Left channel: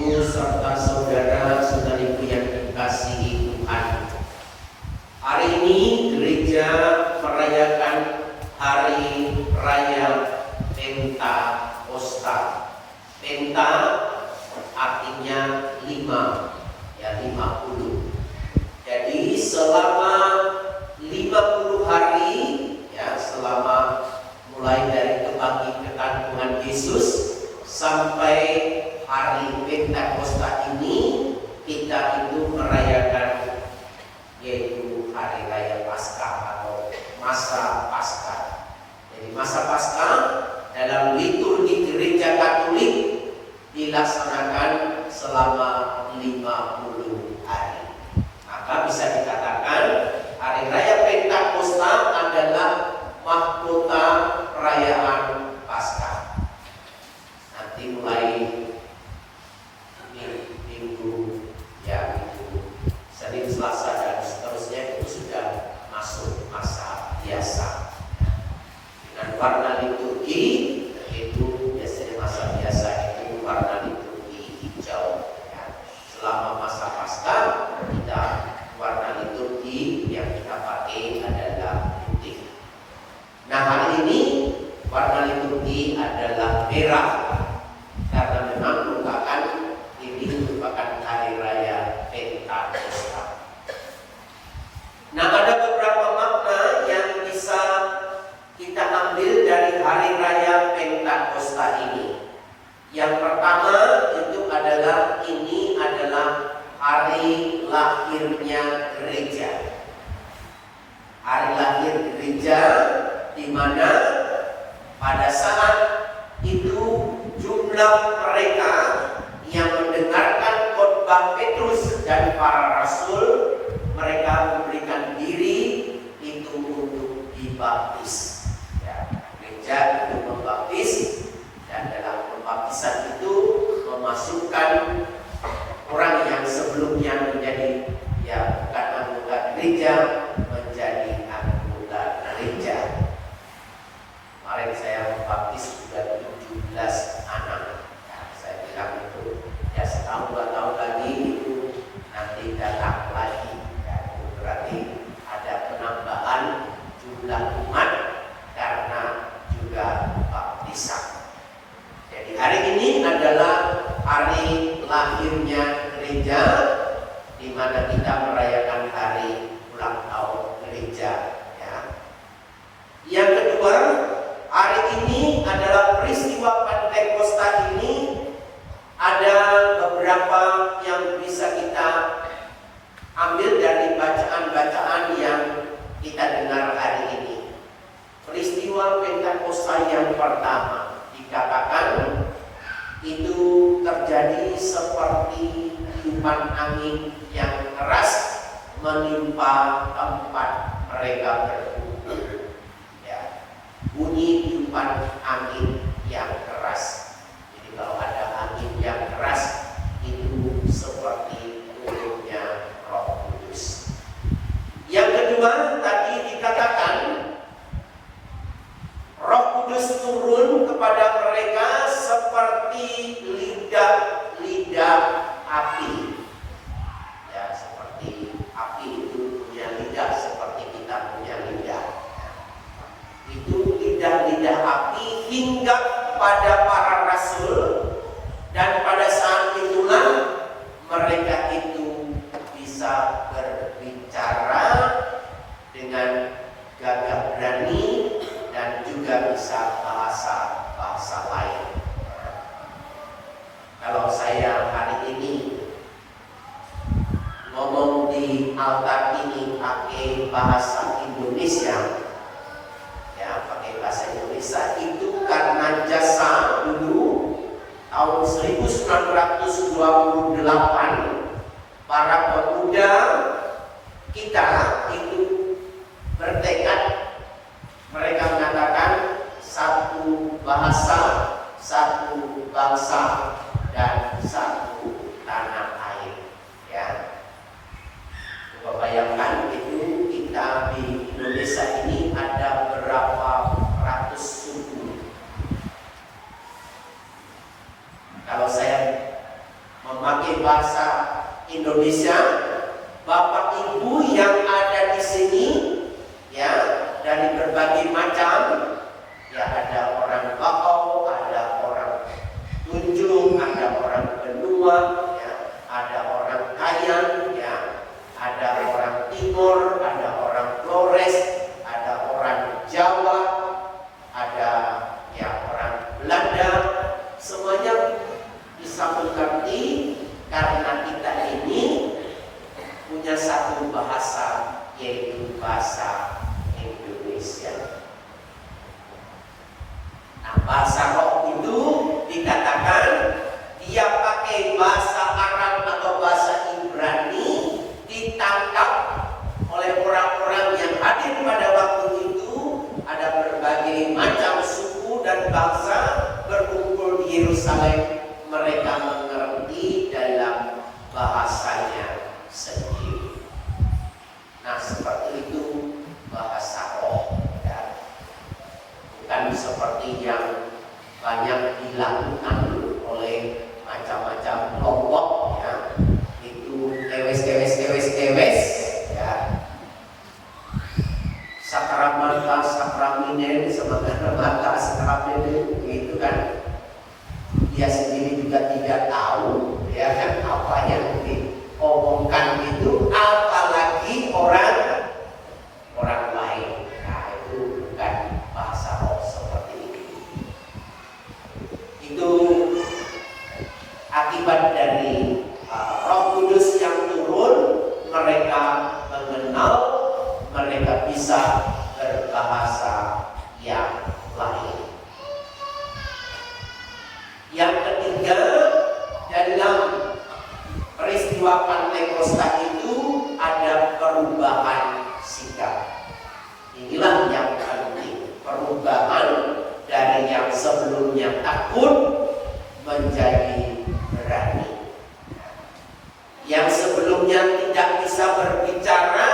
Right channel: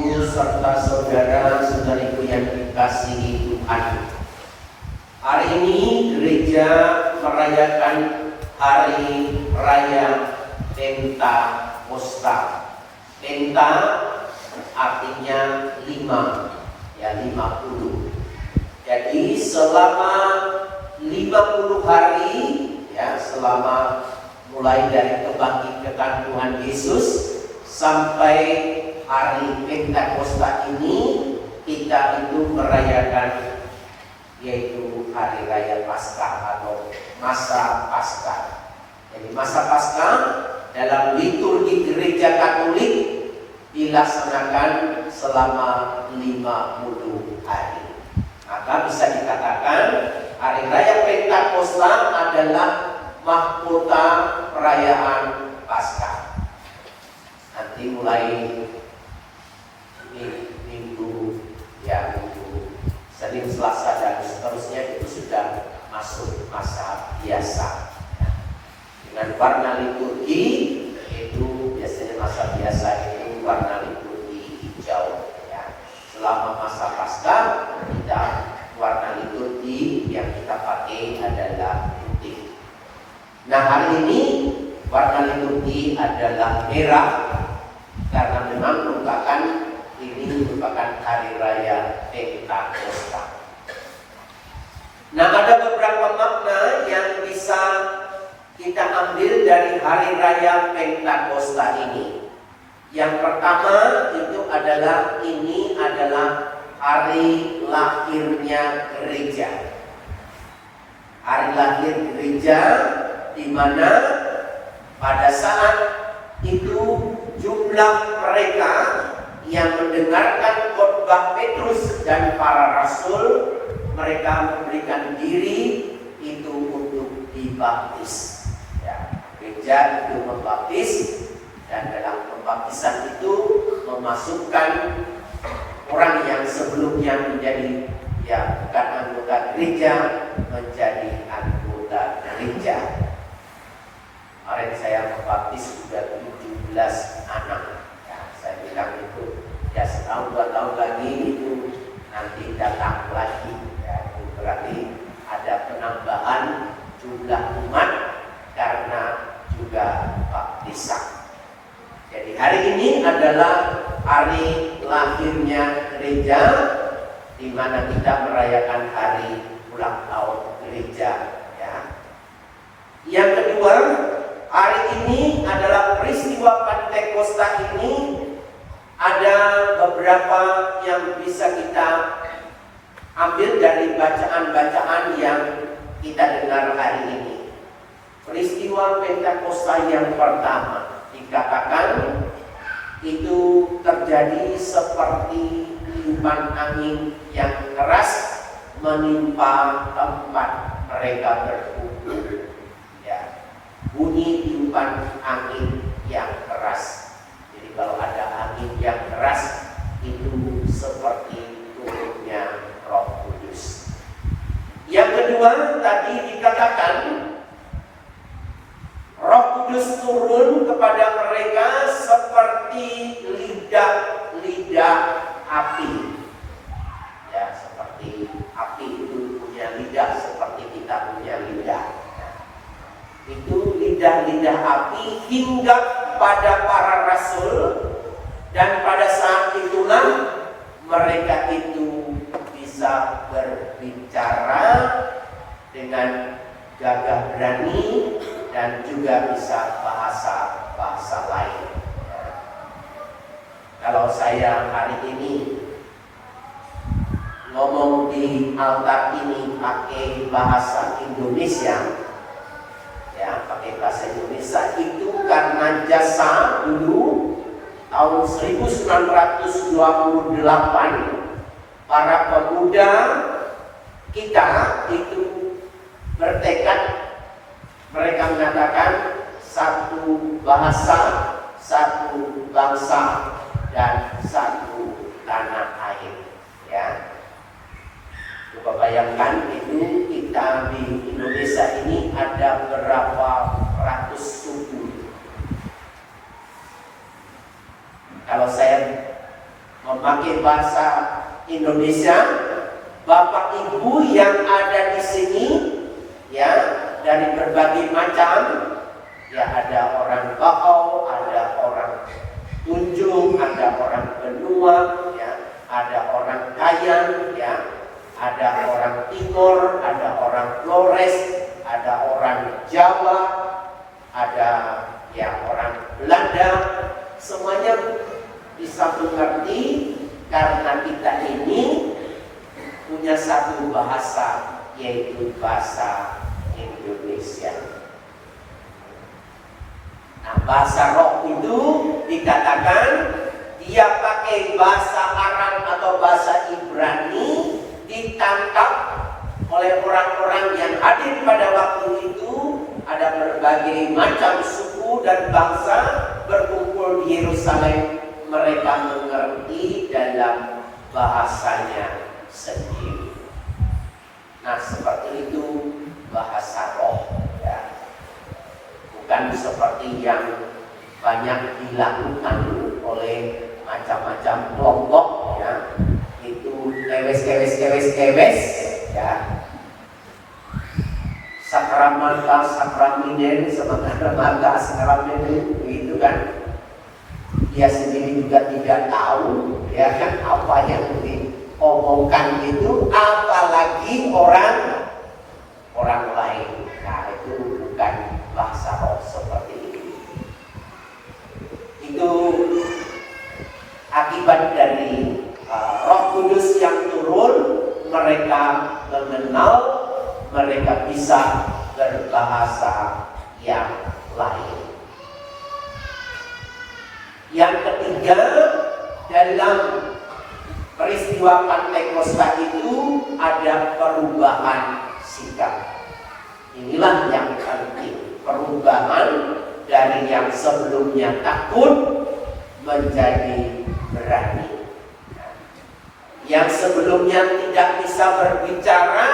Ibu serta saudara-saudariku yang dikasihi Tuhan. Hari ini gereja merayakan hari raya Pentakosta. Penta artinya 50. Jadi selama 50 hari selama mulai dari kebangkitan Tuhan Yesus sampai hari Pentakosta ini kita itu merayakan yaitu hari raya Paskah atau masa Paskah. Jadi masa Paskah dalam liturgi gereja Katolik dilaksanakan selama 50 hari. Maka bisa dikatakan hari raya Pentakosta adalah mahkota perayaan Paskah. Nanti mulai minggu Senin, Selasa dan seterusnya itu sudah masuk masa biasa. Dengan warna liturgi itu biasanya masa biasa itu warna liturgi hijau. Selama masa Paskah kita warna liturgi yang kita pakai adalah putih. Nah, hari ini warna liturgi adalah merah karena memang merupakan hari raya Pentakosta. Nah, ada beberapa makna yang bisa kita ambil dari hari raya Pentakosta ini. Yang pertama itu adalah ini adalah hari lahirnya gereja. Hari lahir gereja di mana pada saat itu jumlah mereka yang mendengarkan khotbah Petrus dan para rasul, mereka memberikan diri itu untuk dibaptis. Gereja itu membaptis, dan dalam pembaptisan itu memasukkan orang yang sebelumnya menjadi bukan anggota gereja menjadi anggota gereja. Kemarin saya membaptis sudah 17 anak. Saya bilang itu setahun 2 tahun lagi itu nanti datang lagi. Itu berarti ada penambahan jumlah umat karena juga baptisan. Jadi hari ini adalah hari lahirnya gereja, di mana kita merayakan hari ulang tahun gereja. Yang kedua, hari ini adalah peristiwa Pentakosta ini ada beberapa yang bisa kita ambil dari bacaan-bacaan yang kita dengar hari ini. Peristiwa Pentakosta yang pertama dikatakan itu terjadi seperti tiupan angin yang keras menimpa tempat mereka berkumpul. Bunyi tiupan angin yang keras. Jadi kalau ada angin yang keras itu seperti turunnya Roh Kudus. Yang kedua tadi dikatakan Roh Kudus turun kepada mereka seperti lidah api. Seperti api itu punya lidah seperti kita punya lidah. Itu lidah api hingga pada para rasul, dan pada saat itulah mereka itu bisa berbicara dengan gagah berani dan juga bisa bahasa lain. Kalau saya hari ini ngomong di altar ini pakai bahasa Indonesia, pakai bahasa Indonesia itu karena jasa dulu tahun 1928 para pemuda kita itu bertekad, mereka mengatakan satu bahasa, satu bangsa, dan satu tanah air. Coba bayangkan itu kita di Indonesia ini ada berapa ratus suku. Kalau saya memakai bahasa Indonesia. Bapak Ibu yang ada di sini, ya, dari berbagai macam, ya, ada orang Bakau, ada orang Tunjung, ada orang Benua, ya, ada orang Kayan, ya, ada orang Timur, ada orang Flores, ada orang Jawa, ada, ya, orang Belanda. Semuanya bisa mengerti karena kita ini punya satu bahasa, yaitu bahasa Indonesia. Nah, bahasa roh itu dikatakan dia pakai bahasa Arab atau bahasa Ibrani, ditangkap oleh orang-orang yang hadir pada waktu itu. Ada berbagai macam suku dan bangsa berkumpul di Yerusalem. Mereka mengerti dalam bahasanya sendiri. Nah, seperti itu bahasa roh, ya. Bukan seperti yang banyak dilakukan oleh macam-macam kelompok, ya. Itu kewes, ya. Sakramata, sakraminen, semata sakraminen, itu kan dia sendiri juga tidak tahu, ya kan, apa yang diomongkan itu, apalagi orang lain. Nah, itu bukan bahasa roh seperti ini. Itu akibat dari Roh Kudus yang turun. Mereka mengenal, mereka bisa berbahasa yang lain. Yang ketiga, dalam peristiwa Pentakosta itu ada perubahan sikap. Inilah yang penting, perubahan dari yang sebelumnya takut menjadi berani. Yang sebelumnya tidak bisa berbicara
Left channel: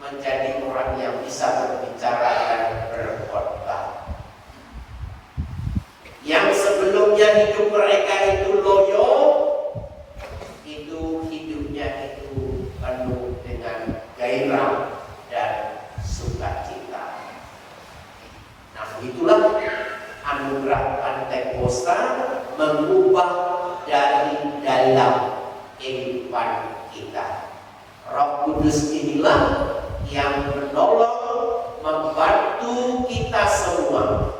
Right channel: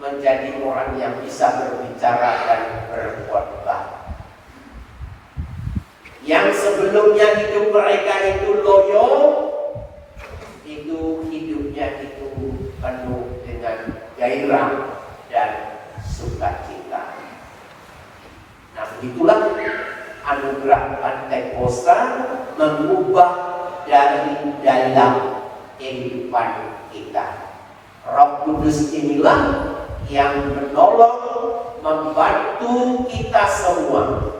menjadi orang yang bisa berbicara dan berkhotbah. Yang sebelumnya hidup mereka itu loyo, itu hidupnya itu penuh dengan gairah dan sukacita. Nah, begitulah anugerah Pentakosta mengubah dari dalam kehidupan kita. Roh Kudus inilah yang menolong, membantu kita semua.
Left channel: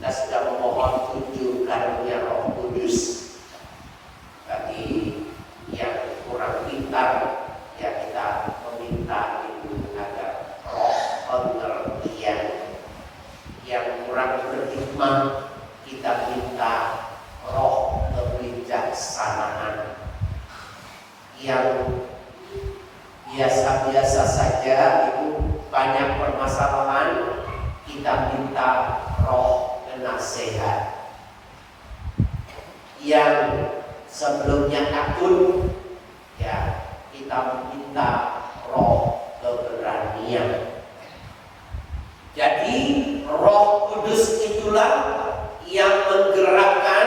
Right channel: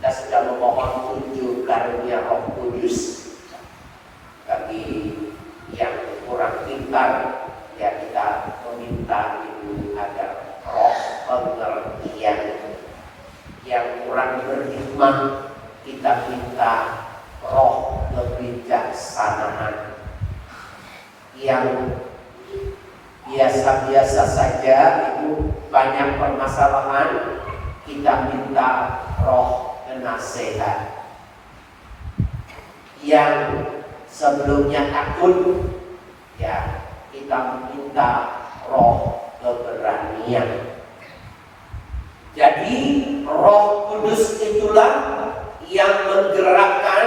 Kita sudah memohon 7 karunia Roh Kudus. Bagi yang kurang pintar, ya kita meminta itu agar roh pengertian. Yang kurang berhikmah, kita minta roh kebijaksanaan. Yang biasa-biasa saja itu banyak permasalahan, kita minta roh penasehat. Yang sebelumnya takut, ya kita meminta roh keberanian. Jadi Roh Kudus itulah yang menggerakkan,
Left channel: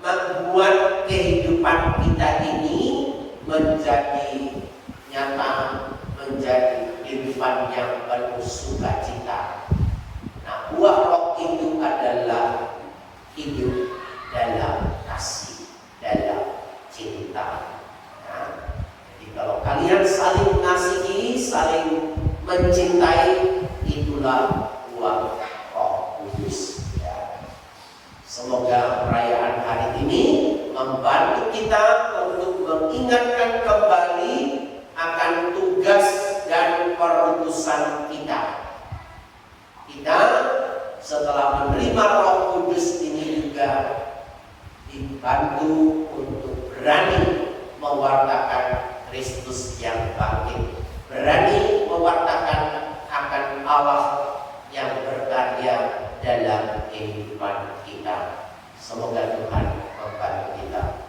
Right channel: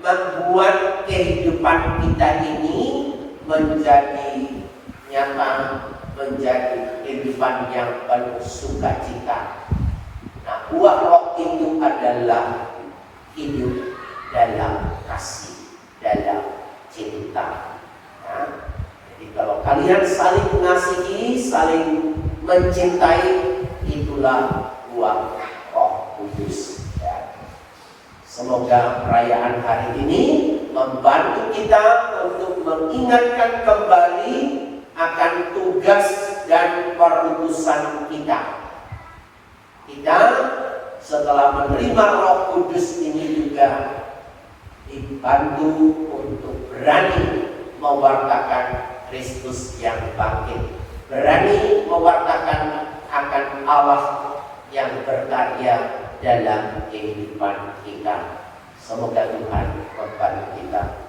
membuat kehidupan kita ini menjadi nyata, menjadi kehidupan yang penuh sukacita. Nah, buah roh itu adalah hidup dalam kasih, dalam cinta. Nah, jadi kalau kalian saling mengasihi, saling mencintai, itulah buah Roh Kudus. Ya. Semoga perayaan hari ini membantu kita untuk mengingatkan kembali akan tugas dan perutusan kita. Kita setelah menerima Roh Kudus ini juga dibantu untuk berani mewartakan Kristus yang bangkit, berani mewartakan akan Allah yang berkarya dalam kehidupan kita. Semoga Tuhan membantu kita.